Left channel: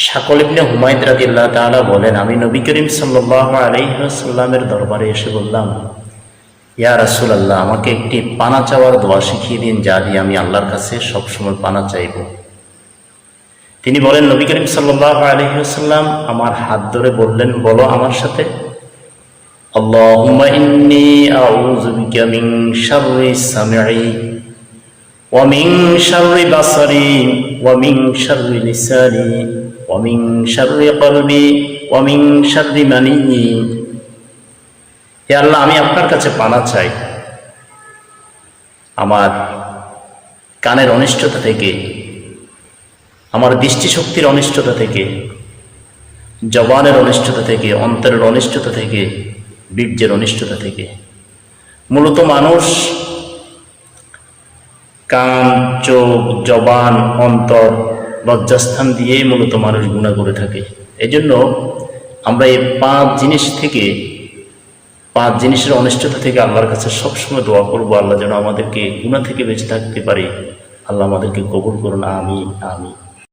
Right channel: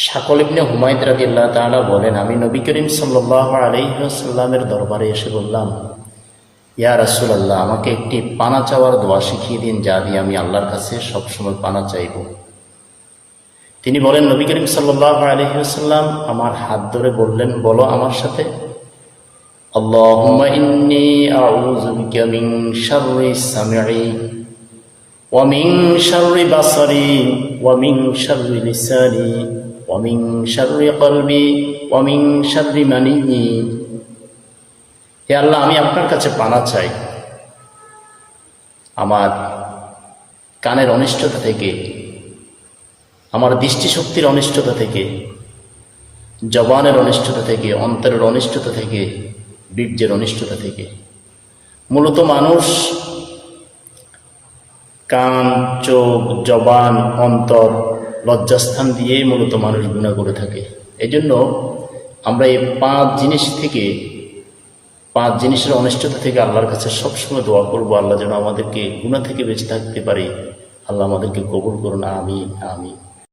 শাকল ইবনে হুমায়দ রাদিয়াল্লাহু তাআলা বলেন, আমি নবী করিম সাল্লাল্লাহু আলাইহি ওয়াসাল্লামের দরবারে এসে বললাম, ইয়া রাসূলুল্লাহ, আমাকে একটি পানা চাওয়ার দোয়া শিখিয়ে দিন, যা দিয়ে আমি আল্লাহর কাছে সবসময় পানা চাইব। তিনি বলেন, নবী করিম সাল্লাল্লাহু আলাইহি ওয়াসাল্লাম আমার হাত ধরে বললেন, বলো আমার সাথে, আল্লাহুম্মা ইন্নী আউযু বিকা মিন শাররি সামঈ ওয়া মিন শাররি বাসারি ওয়া মিন শাররি লিসানি ওয়া মিন শাররি কলবি ওয়া মিন শাররি মানিয়্যি। হে আল্লাহ, আমি আপনার কাছে পানা চাই আমার কানের অনিষ্টতা থেকে, আমার দৃষ্টিশক্তির অনিষ্টতা থেকে, জবানের অনিষ্টতা থেকে, অন্তরের অনিষ্টতা থেকে, বীর্যের অনিষ্টতা থেকে। মূলত মানুষ কান, চোখ, জবান, অন্তর, লজ্জাস্থান দিয়ে মূলত মানুষ গুনাহ করে থাকে। এজন্য আমরা এই পাঁচ জিনিসের অনিষ্টতা থেকে আল্লাহর কাছে সবসময় দোয়া করবো, আল্লাহ যেন আমাদেরকে গুনাহ থেকে বেঁচে থাকতে পারে। আল্লাহ আমাদেরকে কবুল করুন, আমিন আমিন।